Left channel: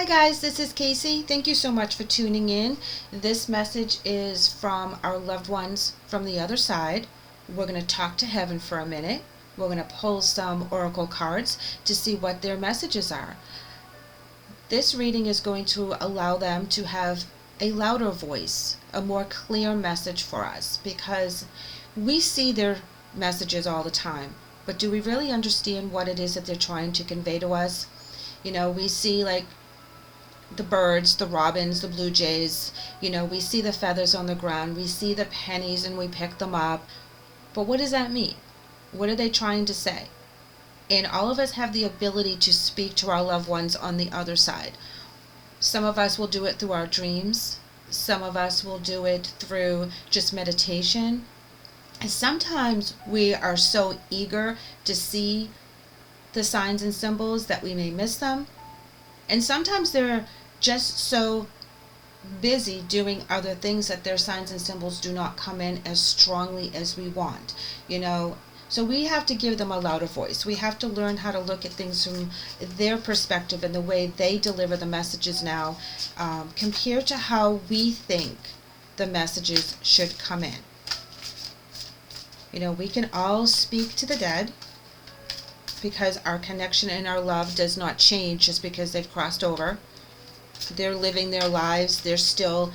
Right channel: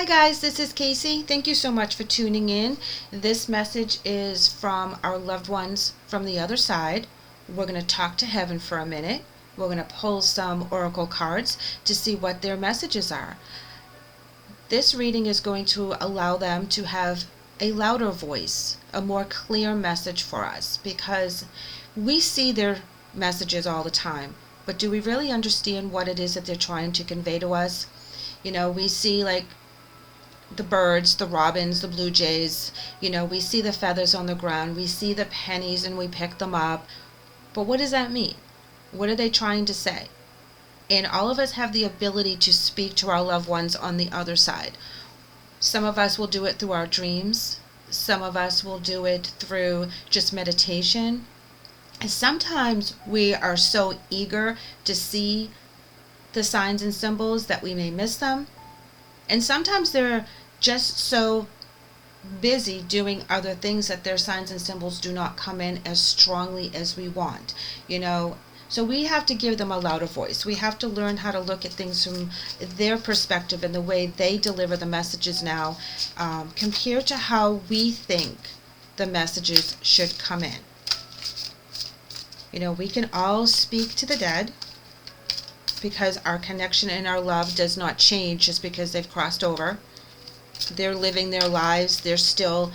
Hi guys, this is Kaycee. Thank you so much for tuning in. This message is from our loved ones from the other side. We're going to talk to heaven for a minute. We're going to pull some oracle cards to see what their messages are. This reading is going to allow them to have a louder voice, a more clear message for us, because we see their messages all the time, but do we really understand what it is that they're trying to convey to us? We see like the birds, the robins, the blue jays, we see the feathers on the ground, we see the pennies and we pick them up. But what does that mean? What are they trying to say? And all of us have the ability to speak to our loved ones on the other side. Some of us will do it through our dreams. Some of us will do it through just meditation. And sometimes we are so eager to see the signs and symbols that we may miss them. And sometimes they're just so busy doing other things that their signs and symbols do not come in as strongly as we want, So we have to give them a louder voice. We have to learn how to look at things from their perspective and the way they deliver the messages now, compared to how we think the messages should come in. We can all speak to the dead, because our connection and our love does not change just because they've crossed over. They're living their lives. They're still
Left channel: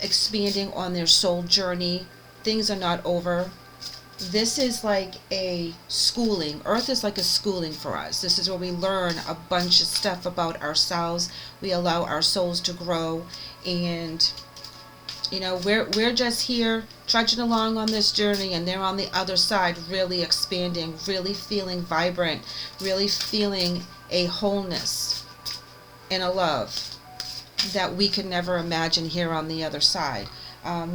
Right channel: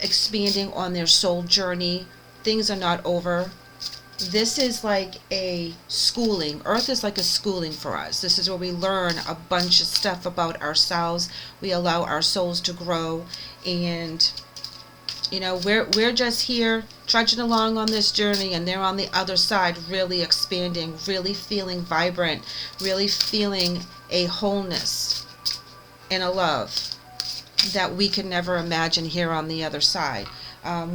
expanding on their soul journey. Things are not over. This is like a schooling. Earth is like a schooling for us. This is where we learn a bunch of stuff about ourselves. We allow our souls to grow, and we're just here trudging along on this journey, and they're on the other side really expanding, really feeling vibrant, really feeling a wholeness and a love that we could never imagine here on the other side.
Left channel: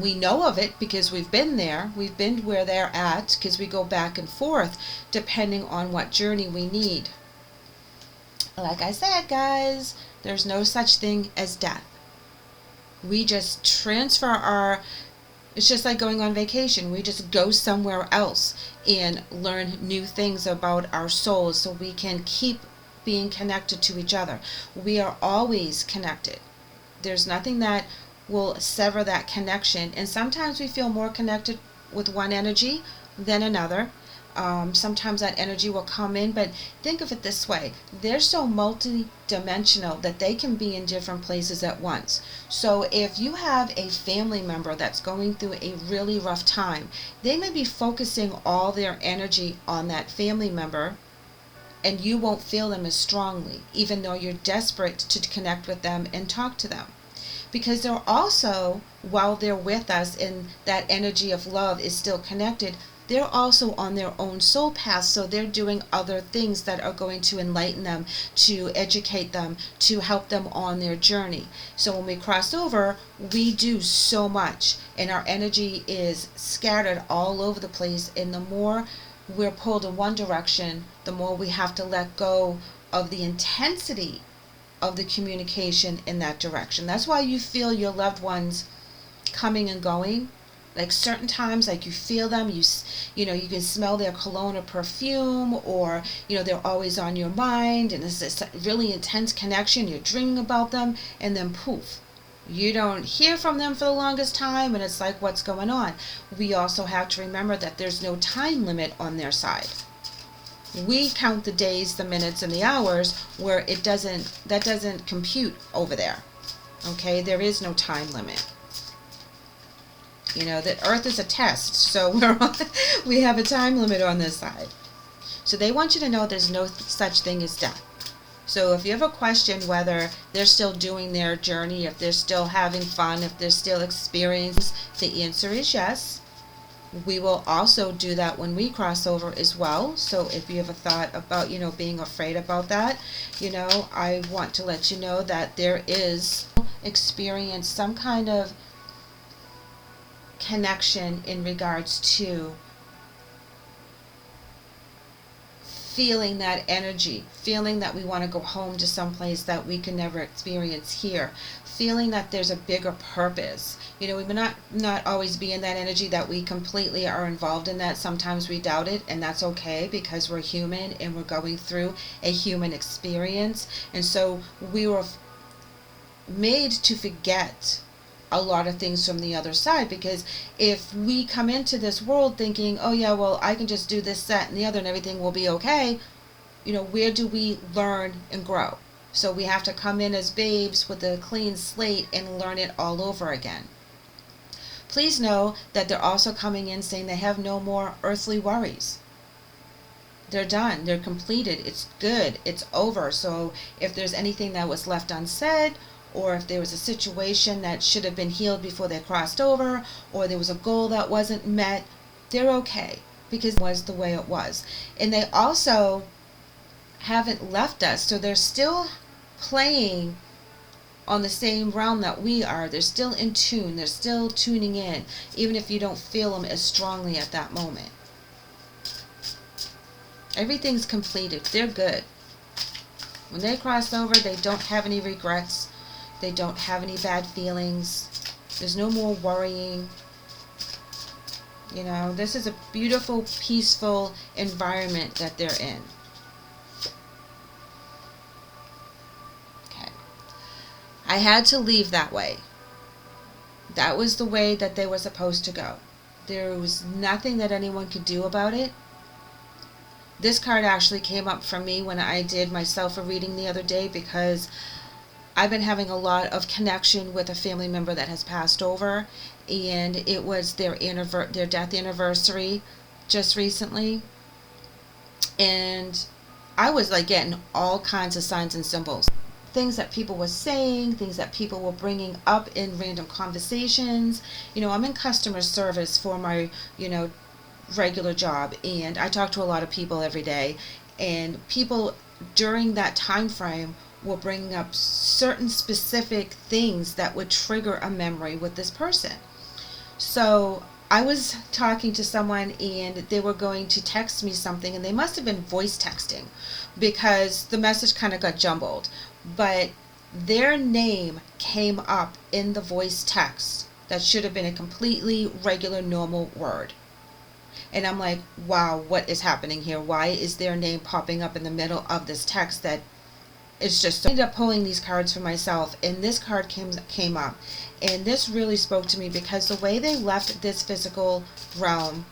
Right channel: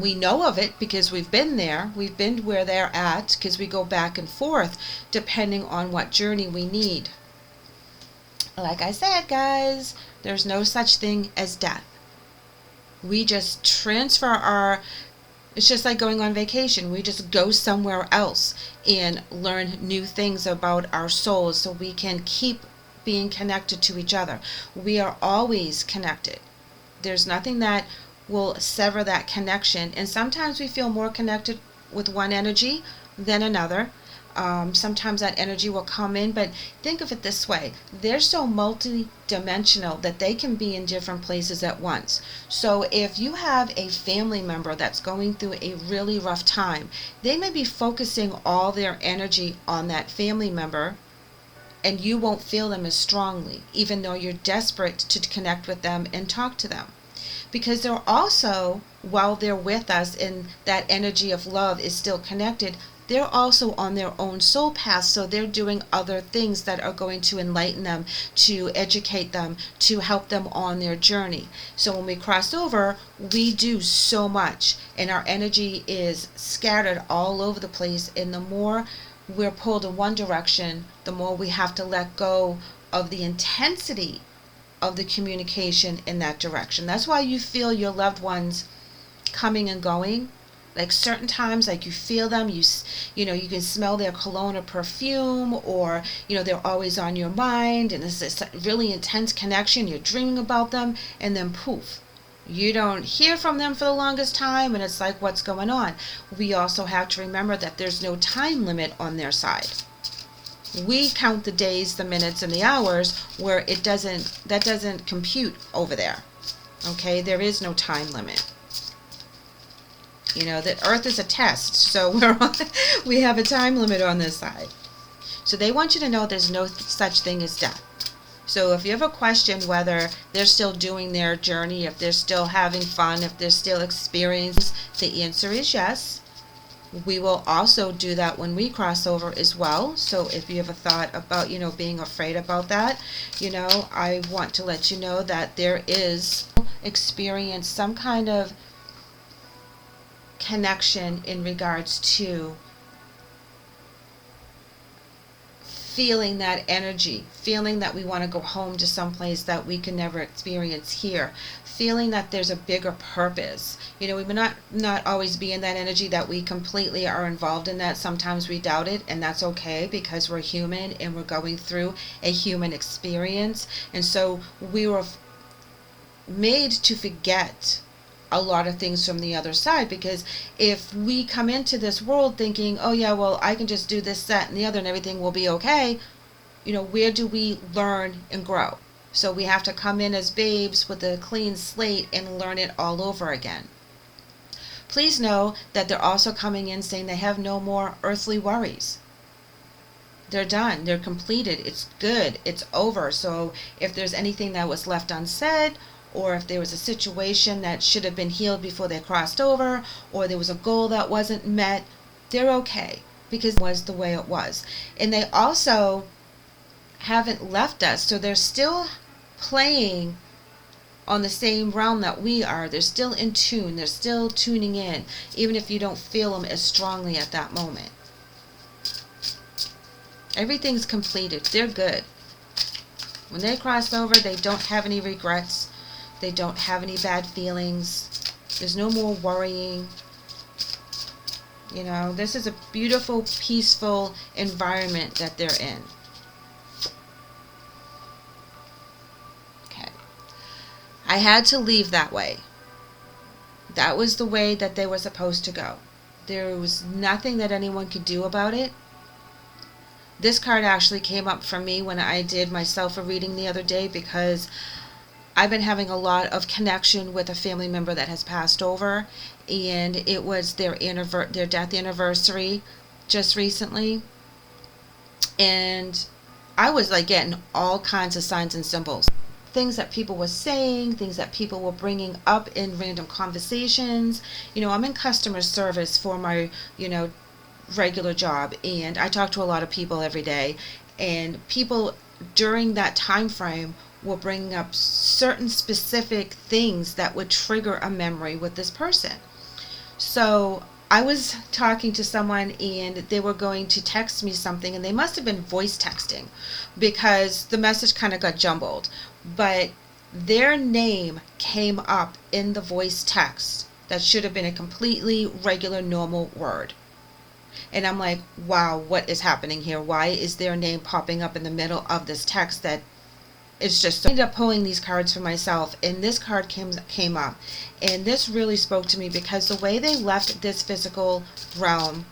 We know of it because we've been there. We've been where they're at because we go back and forth depending on what journey we need. Like I said, guys, there's no such thing as death. We just transfer it's just like going on vacation. We just go somewhere else and learn new things about our souls so we can keep being connected to each other. We are always connected. There's nothing that will sever that connection. And sometimes we feel more connected with one energy than another. Sometimes that energy will come in, but think of it this way. They're so multi-dimensional that they can be in different places at once. So if you have a family member that's going through a really rough time, they may be focusing all their energy on that family member, and you won't feel them as strongly, even though you're desperate to connect with them and talk to them. Because they're also, while they're with us and that energy of love is still connected, they're also on their own soul path, so they're doing other things that are going to enlighten them, to educate them, to help them on their journey. So when we cross over, we do so much, and our energy is scattered all over the place, and the more we're pulled in one direction, the more we have to let go of the intensity of the communication in that direction. That's why you feel your loved ones coming and going. Like certain times, like you feel them, you can smell their cologne or perfume, or they're always on your mind, and it's this really intense connection. You're dreaming about them, and then poof, you don't hear from them for the longest time, and it's like, what's going on? We also have to remember that there's no time limit on their side. We count the days, the minutes, and the hours, where that doesn't compute over there. Okay, there is no time limit. That Earth is a test, so we have a time limit on this side. So they want you to know there's no such thing as death. So if you have a question whether they're still doing their journey, if they're still having fun, if they're still experiencing, the answer is yes. We will also do that when we cross over as well. So if you have a thought about, being afraid about that, I want to let you know that there is experience some kind of connection in regards to feeling that energy, feeling that we want to go home to someplace that we can never experience here, feeling that there's a bigger purpose. We may not always be in that energy that we completely are involved in that. Sometimes we doubt it, and that's okay, because we're human and we're going through a human experience. And so we were made to forget a lot of things from the other side, because if we come into this world thinking, oh yeah, well, I can just do this, that, and the other and everything will be okay, where do we learn and grow? So we have to come in as babes with a clean slate and learn it all over again. Please know that they're also coming in saying they have no more earthly worries. They're done. They're completed. It's good. It's over. So if there's anything that was left unsaid, or if there was a situation that should have been healed before they crossed over, or there was a goal that wasn't met, they're okay, because it was the way it was. And they also haven't left us, so they're still playing on the same realm that we are. They're still in tune. They're still tuning in, even if you don't feel them as strongly at that moment. Everything's completed. They're good. When they cross over, they don't have any regrets. They don't have any bad feelings. There's no more worrying. This is a beautiful, peaceful environment that they're in. Okay. I had to leave that way. That was the way that they were supposed to go. There was nothing that anyone could do about it. This card actually came up for me when I did myself a reading the other day, because I've been having a lot of connection with a family member that has passed over, and it was their death anniversary just recently. And I was like getting all kinds of signs and symbols. Things that people were saying, things that people were bringing up in random conversations. I'm in customer service for my, regular job, and I talk to a lot of people every day, and people during that time frame will bring up certain specific things that would trigger a memory with this person. So I was talking to someone, and they were going to text me something, and they must have been voice texting, because the message kind of got jumbled, but their name came up in the voice text that should have been a completely regular, normal word. And I'm like, wow, what is happening here? Why is their name popping up in the middle of this text? That it's just so. I ended up pulling these cards for myself, and this card came up, and this really spoke to me, because the way they left this physical realm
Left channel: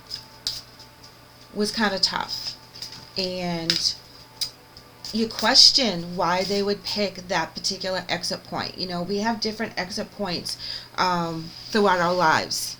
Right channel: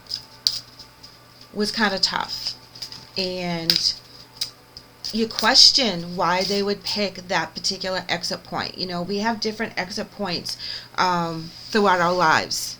was kind of tough, and you question why they would pick that particular exit point. We have different exit points throughout our lives.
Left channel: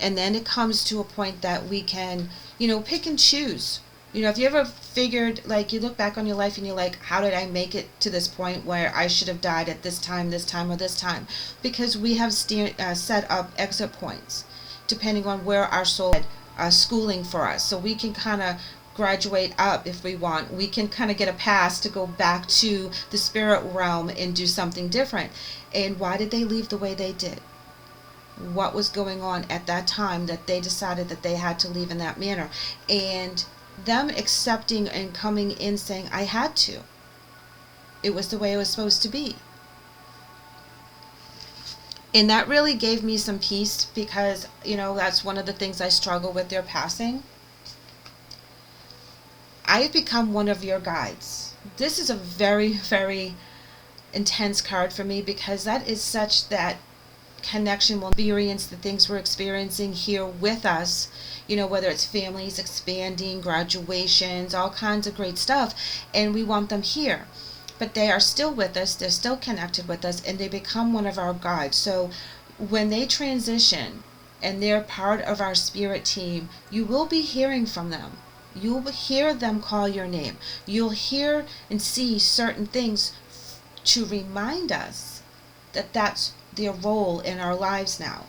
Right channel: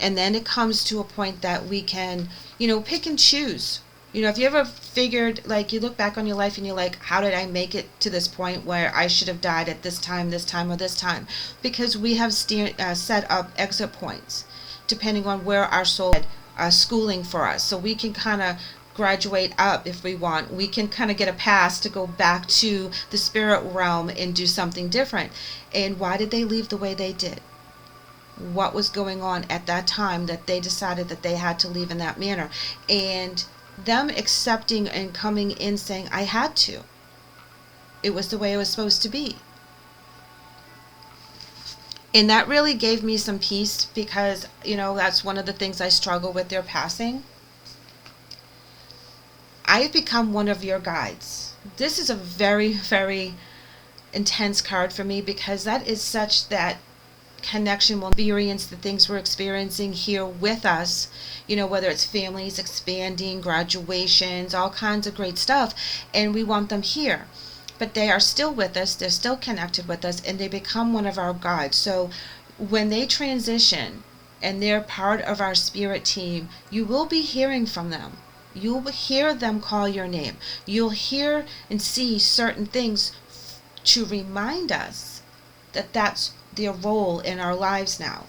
And then it comes to a point that we can, pick and choose. If you ever figured, like, you look back on your life and you're like, how did I make it to this point where I should have died at this time, or this time? Because we have set up exit points, depending on where our soul is schooling for us. So we can kind of graduate up if we want. We can kind of get a pass to go back to the spirit realm and do something different. And why did they leave the way they did? What was going on at that time that they decided that they had to leave in that manner? And them accepting and coming in saying, I had to. It was the way it was supposed to be. And that really gave me some peace, because, that's one of the things I struggle with their passing. I've become one of your guides. This is a very, very intense card for me, because that is such that connection will experience the things we're experiencing here with us, whether it's families expanding, graduations, all kinds of great stuff, and we want them here. But they are still with us, they're still connected with us, and they become one of our guides. So when they transition and they're part of our spirit team, you will be hearing from them. You'll hear them call your name. You'll hear and see certain things to remind us that that's their role in our lives now.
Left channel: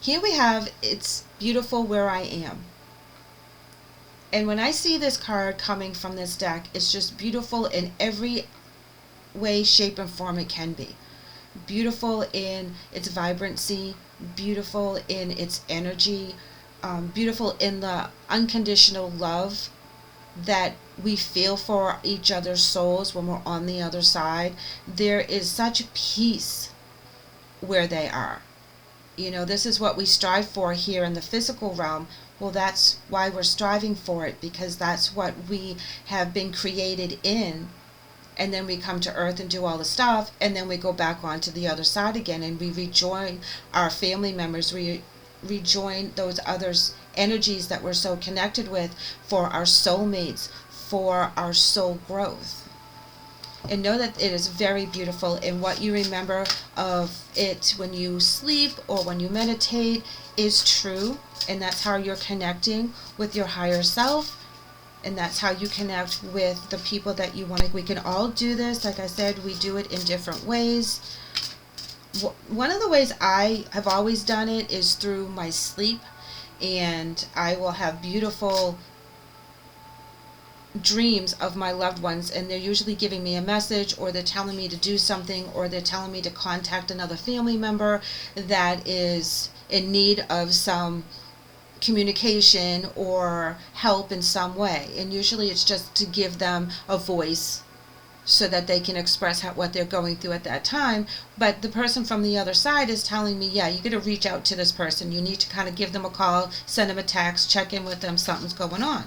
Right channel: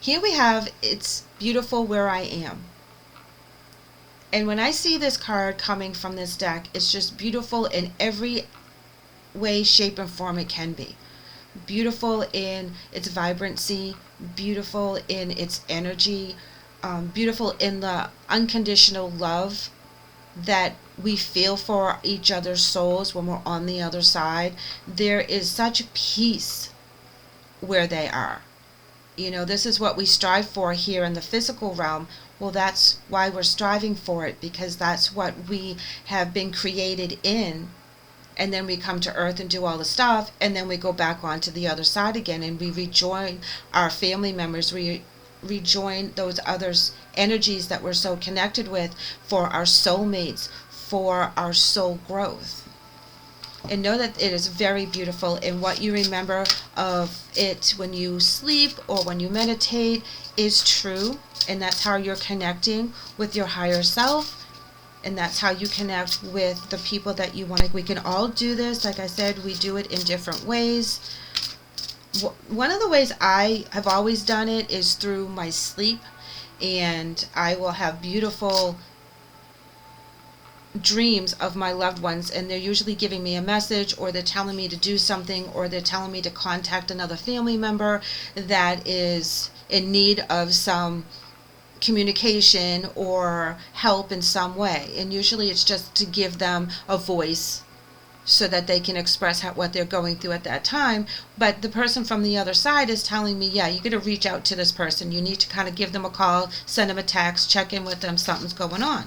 Here we have, it's beautiful where I am. And when I see this card coming from this deck, it's just beautiful in every way, shape, and form it can be. Beautiful in its vibrancy, beautiful in its energy, beautiful in the unconditional love that we feel for each other's souls when we're on the other side. There is such peace where they are. This is what we strive for here in the physical realm. Well, that's why we're striving for it, because that's what we have been created in and then we come to earth and do all the stuff, and then we go back onto the other side again, and we rejoin our family members, we rejoin those others energies that we're so connected with, for our soulmates, for our soul growth. And know that it is very beautiful, and what you remember of it when you sleep or when you meditate is true, and that's how you're connecting with your higher self, and that's how you connect with the people that you want. We can all do this. Like I said, we do it in different ways. One of the ways I have always done it is through my sleep, and I will have beautiful dreams of my loved ones, and they're usually giving me a message, or they're telling me to do something, or they're telling me to contact another family member that is in need of some communication or help in some way. And usually it's just to give them a voice so that they can express what they're going through at that time. But the person from the other side is telling me, yeah, you got to reach out to this person. You need to kind of give them a call, send them a text, check in with them, something's going on.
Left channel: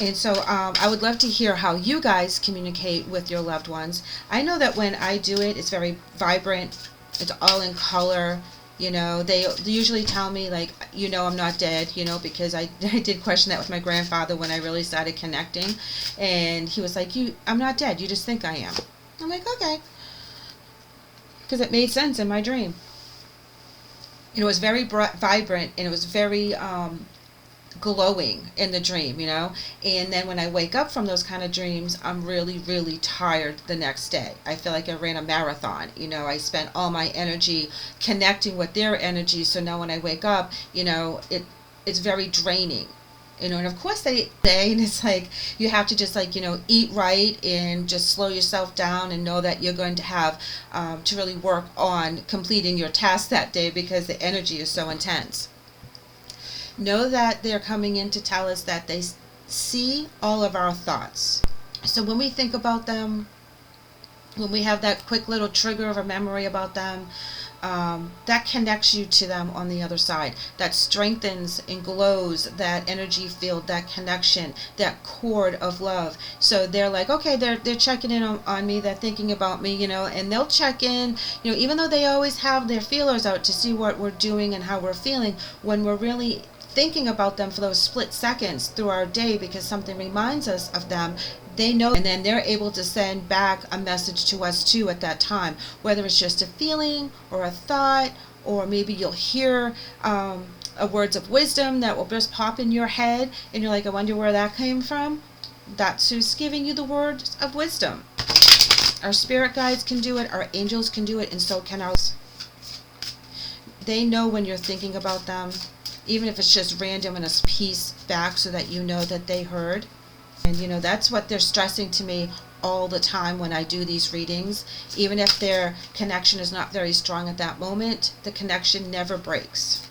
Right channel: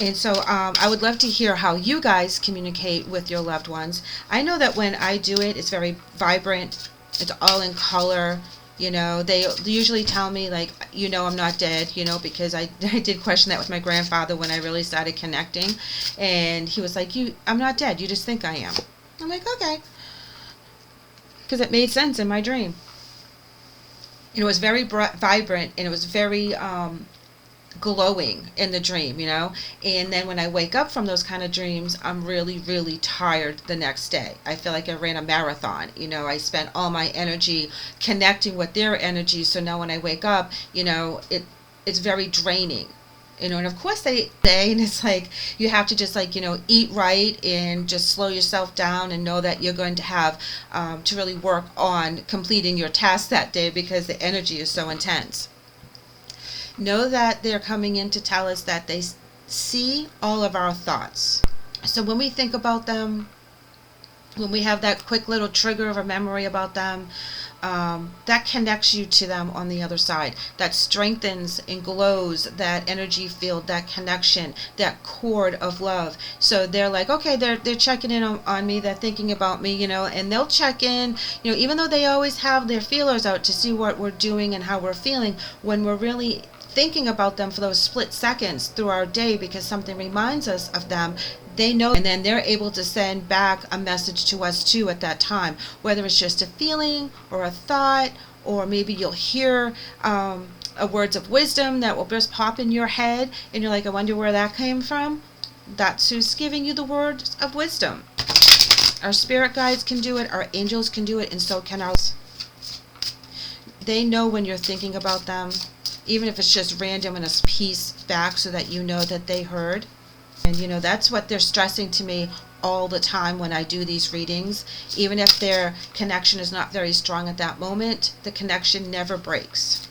And so I would love to hear how you guys communicate with your loved ones. I know that when I do it, it's very vibrant. It's all in color. You know, they usually tell me, like, you know, I'm not dead, you know, because I did question that with my grandfather when I really started connecting. And he was like, I'm not dead. You just think I am. I'm like, okay. Because it made sense in my dream. And it was very vibrant, and it was very glowing in the dream, you know. And then when I wake up from those kind of dreams, I'm really, really tired the next day. I feel like I ran a marathon, you know. I spent all my energy connecting with their energy, so now when I wake up, you know, it's very draining, you know. And of course they say, and it's like you have to just, like, you know, eat right and just slow yourself down and know that you're going to have to really work on completing your task that day, because the energy is so intense. Know that they're coming in to tell us that they see all of our thoughts. So when we think about them, when we have that quick little trigger of a memory about them, that connects you to them on the other side. That strengthens and glows that energy field, that connection, that cord of love. So they're like, okay, they're checking in on me, they're thinking about me, you know, and they'll check in, you know, even though they always have their feelers out to see what we're doing and how we're feeling. When we're really thinking about them for those split seconds through our day because something reminds us of them, they know, and then they're able to send back a message to us too at that time, whether it's just a feeling or a thought, or maybe you'll hear a words of wisdom that will just pop in your head, and you're like, I wonder where that came from. That's who's giving you the words of wisdom. Our spirit guides can do it, our angels can do it, and so can our. They know when you're thinking about them, even if it's just random and a piece back, so that you know that they heard. And you know, that's what they're stressing to me all the time when I do these readings. Even if their connection is not very strong at that moment, the connection never breaks.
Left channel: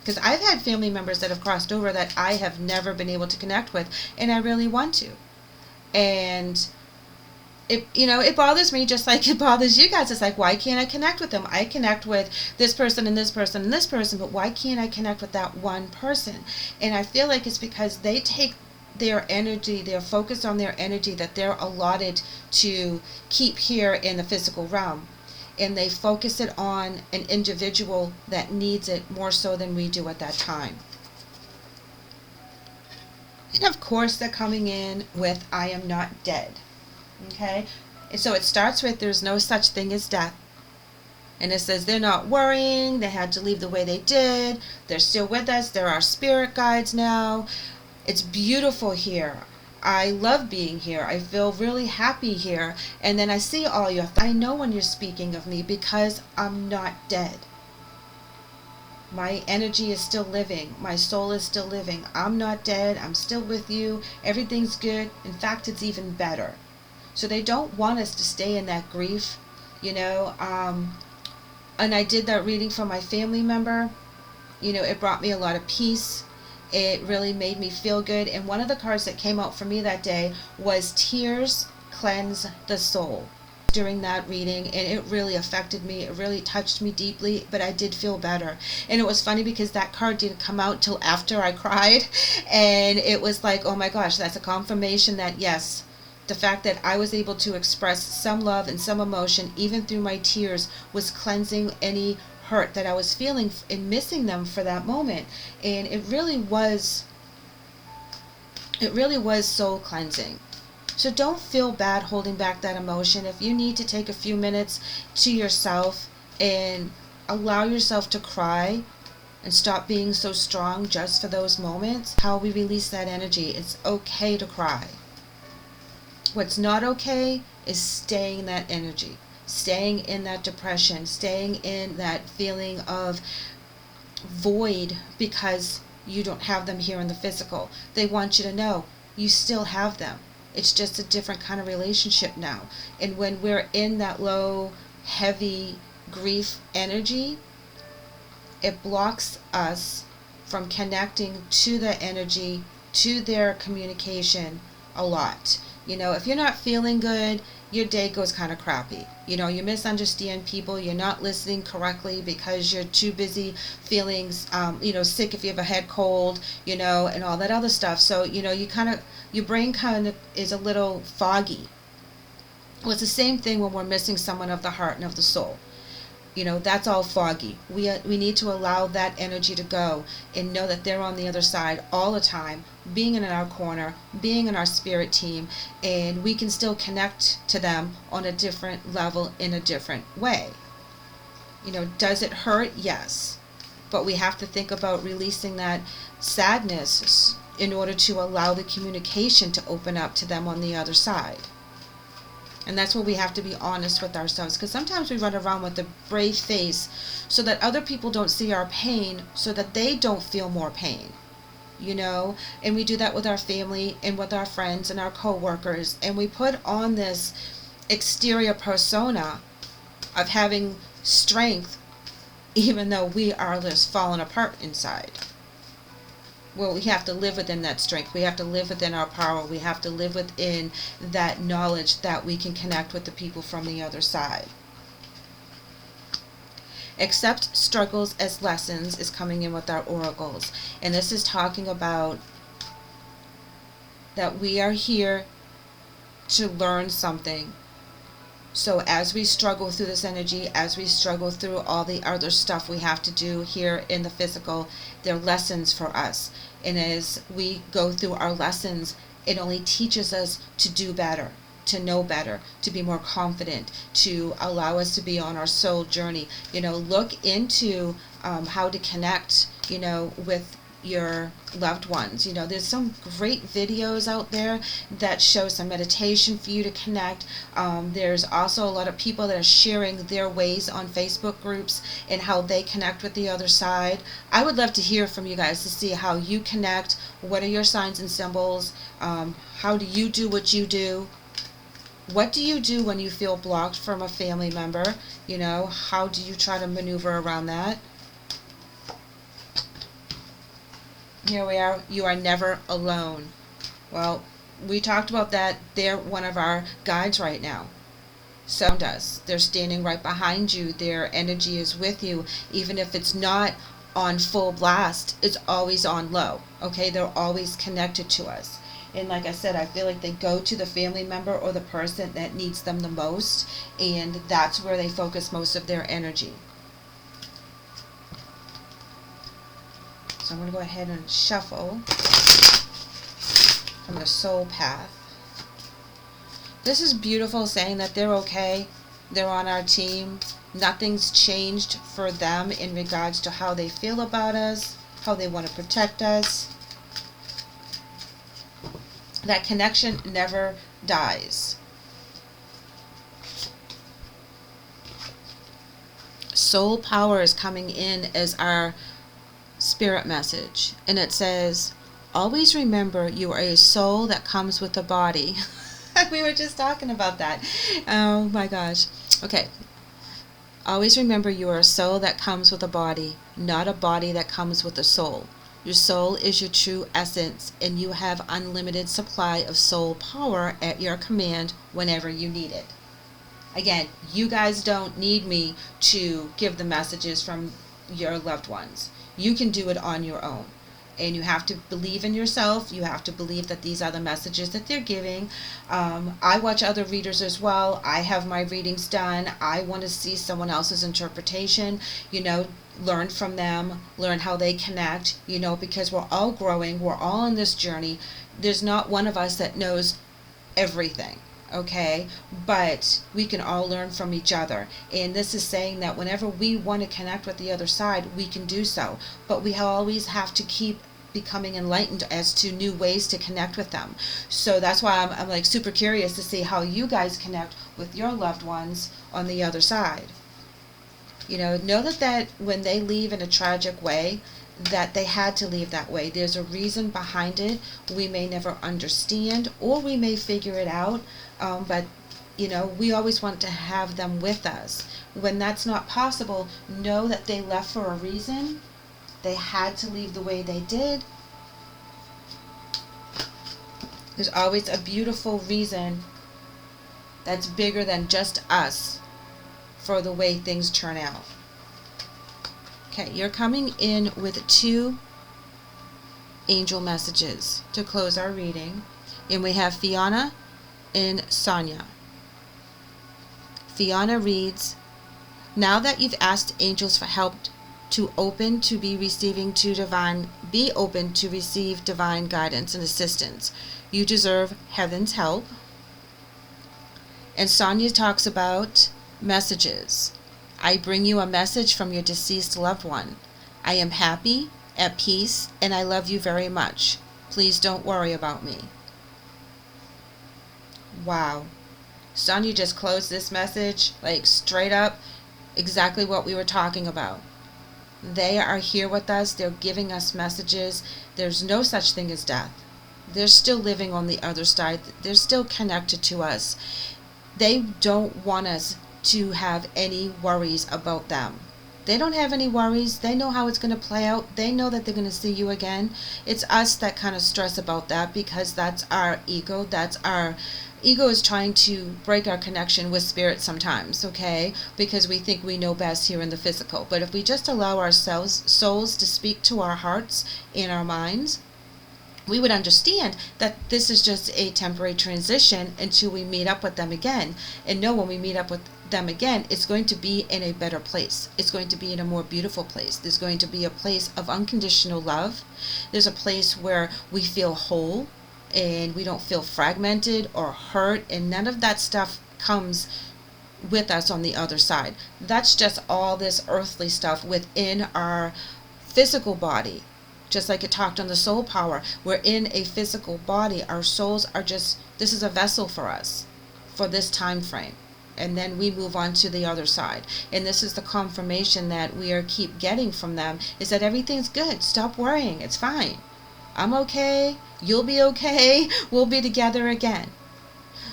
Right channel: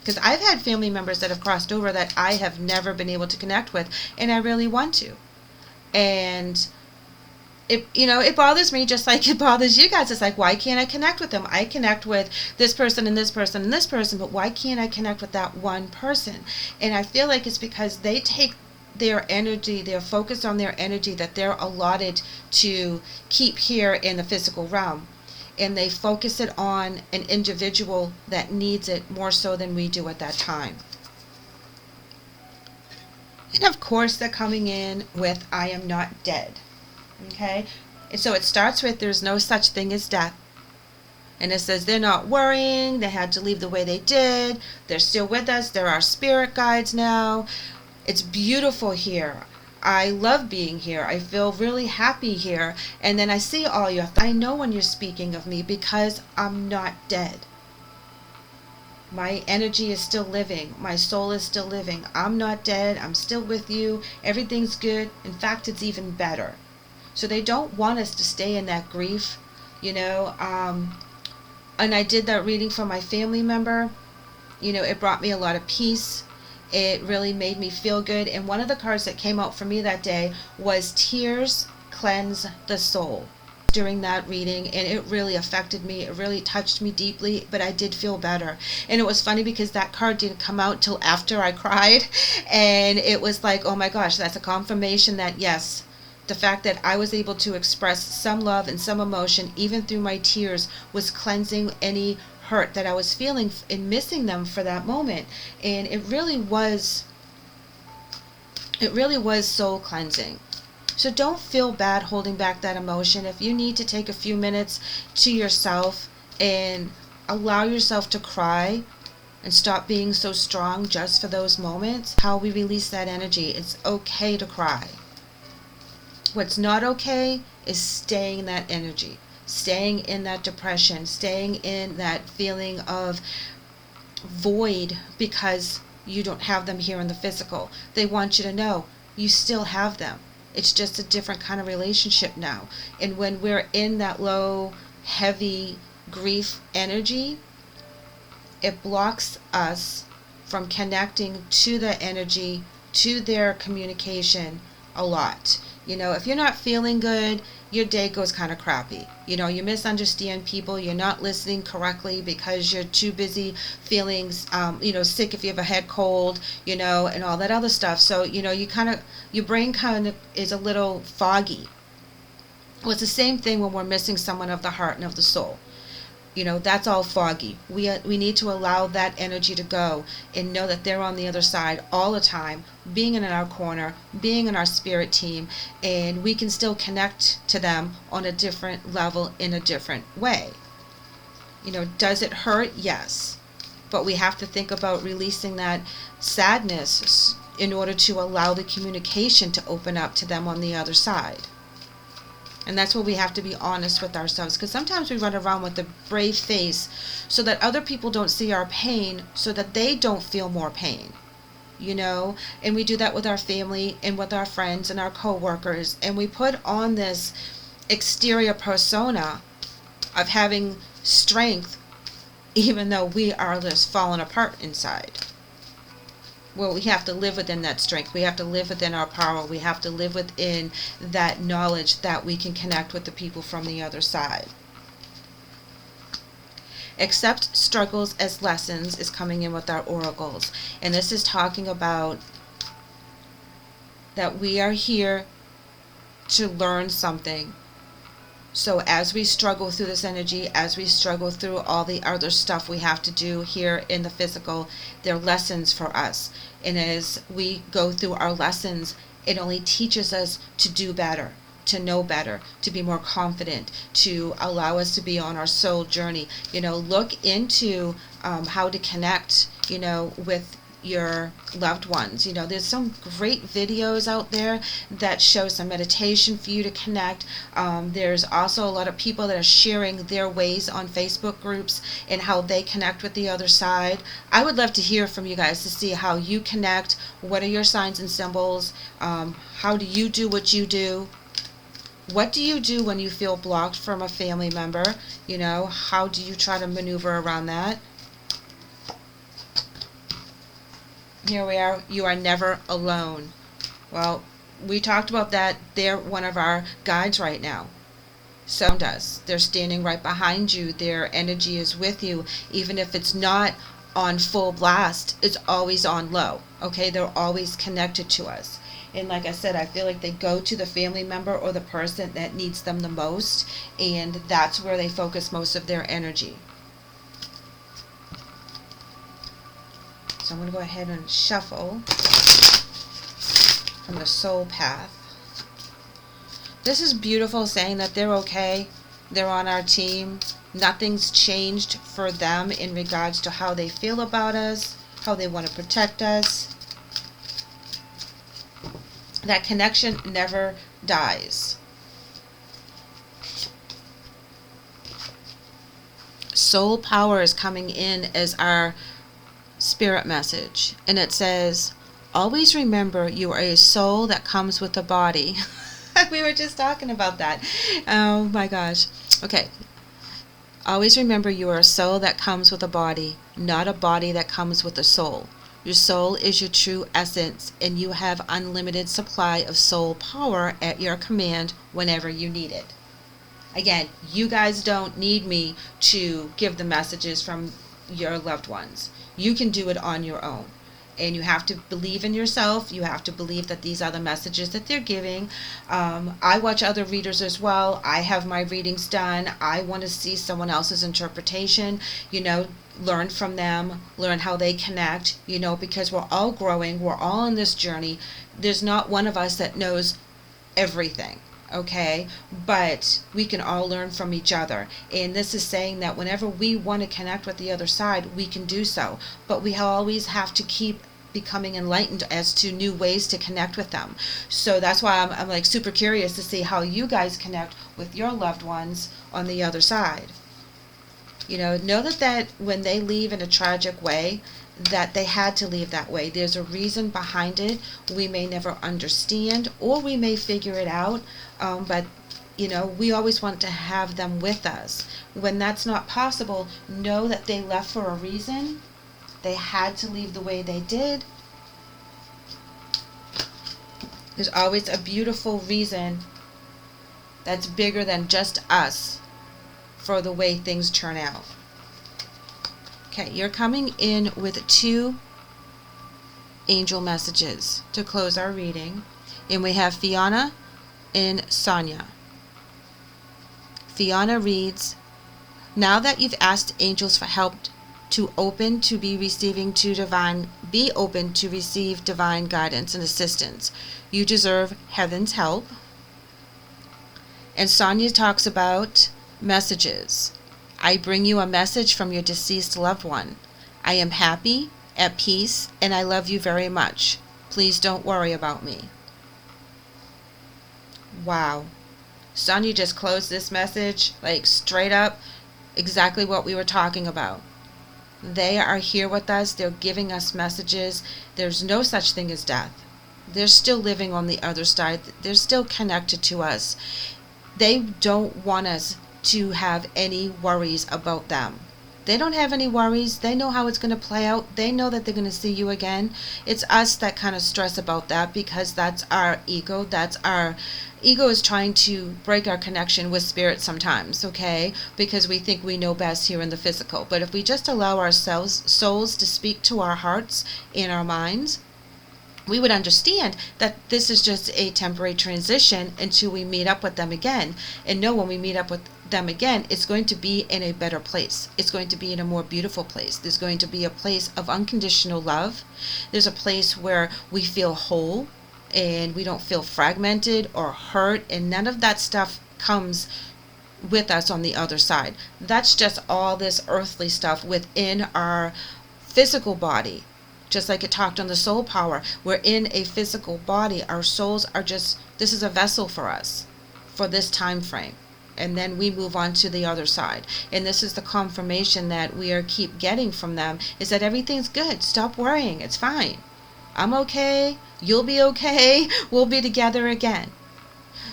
Because I've had family members that have crossed over that I have never been able to connect with, and I really want to. And it bothers me just like it bothers you guys. It's like, why can't I connect with them? I connect with this person and this person and this person, but why can't I connect with that one person? And I feel like it's because they take their energy, they're focused on their energy that they're allotted to keep here in the physical realm, and they focus it on an individual that needs it more so than we do at that time. And of course they're coming in with, I am not dead. Okay, and so it starts with, there's no such thing as death. And it says they're not worrying, they had to leave the way they did, they're still with us, they're our spirit guides now. It's beautiful here. I love being here. I feel really happy here. And then I see all your, I know when you're speaking of me, because I'm not dead. My energy is still living. My soul is still living. I'm not dead. I'm still with you. Everything's good. In fact, it's even better. So they don't want us to stay in that grief, you know. And I did that reading for my family member. You know, it brought me a lot of peace. It really made me feel good. And one of the cards that came out for me that day was Tears Cleanse the Soul. during that reading, and it really affected me. It really touched me deeply, but I did feel better. And it was funny because that card didn't come out till after I cried, and it was like, oh my gosh, that's a confirmation that yes, the fact that I was able to express some love and some emotion even through my tears was cleansing any hurt that I was feeling and missing them for that moment. And it really was soul cleansing. So don't feel bad holding back that emotion. If you need to take a few minutes to yourself and allow yourself to cry and stop being so strong just for those moments, how we release that energy. It's okay to cry. What's not okay is staying in that energy, staying in that depression, staying in that feeling of void because you don't have them here in the physical. They want you to know you still have them. It's just a different kind of relationship now. And when we're in that low, heavy grief energy, it blocks us from connecting to the energy, to their communication a lot. You know, if you're not feeling good, your day goes kind of crappy. You know, you misunderstand people, you're not listening correctly because you're too busy feeling, sick if you have a head cold, and all that other stuff. So, your brain kind of is a little foggy. Well, it's the same thing when we're missing someone of the heart and of the soul. That's all foggy. We need to allow that energy to go and know that they're on the other side all the time, being in our corner, being in our spirit team, and we can still connect to them on a different level in a different way. Does it hurt? Yes. But we have to think about releasing that sadness in order to allow the communication to open up to them on the other side. And that's where we have to be honest with ourselves, because sometimes we run around with a brave face so that other people don't see our pain, so that they don't feel more pain, and we do that with our family and with our friends and our co-workers, and we put on this exterior persona of having strength even though we are just falling apart inside. Well, we have to live within that strength. We have to live within our power. We have to live within that knowledge that we can connect with the people from the other side. Accept struggles as lessons is coming in with our oracles. And this is talking about that we are here to learn something. So as we struggle through this energy, as we struggle through all the other stuff we have to do here in the physical, they're lessons for us. And as we go through our lessons, it only teaches us to do better, to know better, to be more confident, to allow us to be on our soul journey. Look into how to connect, with your loved ones. There's some great videos out there that show some meditation for you to connect. There's also a lot of people that are sharing their ways on Facebook groups and how they connect with the other side. I would love to hear from you guys to see how you connect. What are your signs and symbols? How do you do what you do? What do you do when you feel blocked from a family member? How do you try to maneuver around that? Here we are. You are never alone. Well, we talked about that. They're one of our guides right now. So does. They're standing right behind you. Their energy is with you. Even if it's not on full blast, it's always on low. Okay? They're always connected to us. And like I said, I feel like they go to the family member or the person that needs them the most, and that's where they focus most of their energy. So I'm going to go ahead and shuffle from the soul path. This is beautiful, saying that they're okay. They're on our team. Nothing's changed for them in regards to how they feel about us, how they want to protect us. That connection never dies. Soul power is coming in as our spirit message, and it says, always remember you are a soul that comes with a body. We were just talking about that. Oh my gosh. Okay. Always remember you are a soul that comes with a body, not a body that comes with a soul. Your soul is your true essence, and you have unlimited supply of soul power at your command whenever you need it. Again, you guys don't need me to give the messages from your loved ones. You can do it on your own. And you have to believe in yourself. You have to believe that these are the messages that they're giving. I watch other readers as well. I have my readings done. I want to see someone else's interpretation, learn from them, learn how they connect, because we're all growing. We're all on this journey. There's not one of us that knows everything. Okay, but we can all learn from each other, and this is saying that whenever we want to connect with the other side, we can do so, but we always have to keep becoming enlightened as to new ways to connect with them. So that's why I'm like super curious to see how you guys connect with your loved ones on the other side. Know that when they leave in a tragic way, that they had to leave that way. There's a reason behind it. We may never understand, or we may figure it out, but we always want to have them with us. When that's not possible, know that they left for a reason. They had to leave the way they did. There's always a beautiful reason that's bigger than just us for the way things turn out. Okay, you're coming in with 2 angel messages to close our reading. And we have Fiona and Sonia. Fiona reads, now that you've asked angels for help be open to receive divine guidance and assistance. You deserve heaven's help. And Sonia talks about messages. I bring you a message from your deceased loved one. I am happy, at peace, and I love you very much. Please don't worry about me. Wow. Sonia just closed this message, like straight up, exactly what we were talking about. They are here with us. They're giving us messages. There's no such thing as death. They're still living on the other side. They're still connected to us. They don't want us to have any worries about them. They don't have any worries. They know how it's going to play out. They know that they're going to see you again. It's us that kind of stress about that, because that's our ego. Ego is trying to break our connection with spirit sometimes, okay? Because we think we know best here in the physical. But if we just allow ourselves, souls, to speak to our hearts and our minds, we would understand that this is just a temporary transition until we meet up with them again. And know when we meet up with them again, it's going to be in a better place. It's going to be in a more beautiful place. There's going to be a place of unconditional love. There's a place where we feel whole, and we don't feel fragmented or hurt, and none of that stuff comes with us on the other side. That's just all this earthly stuff within our physical body. Just like it talked on the soul power, we're in a physical body. Our souls are just, this is a vessel for us for this time frame, and then we move on to the other side. And this is the confirmation that we are keep getting from them, is that everything's good. Stop worrying. It's fine. I'm okay. You'll be okay. We'll be together again.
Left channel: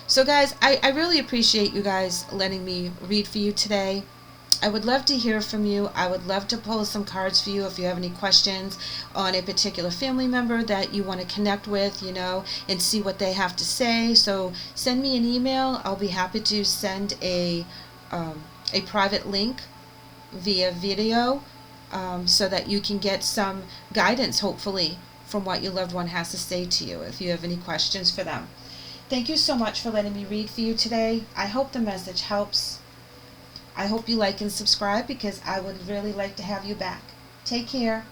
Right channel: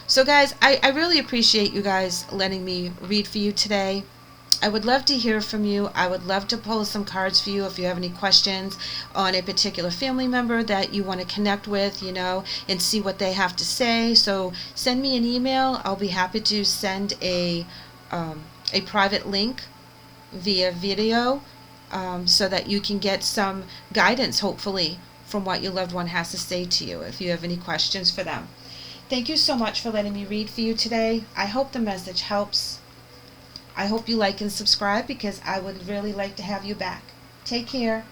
So guys, I really appreciate you guys letting me read for you today. I would love to hear from you. I would love to pull some cards for you if you have any questions on a particular family member that you want to connect with, and see what they have to say. So send me an email. I'll be happy to send a private link via video, so that you can get some guidance, hopefully, from what your loved one has to say to you if you have any questions for them. Thank you so much for letting me read for you today. I hope the message helps. I hope you like and subscribe, because I would really like to have you back. Take care.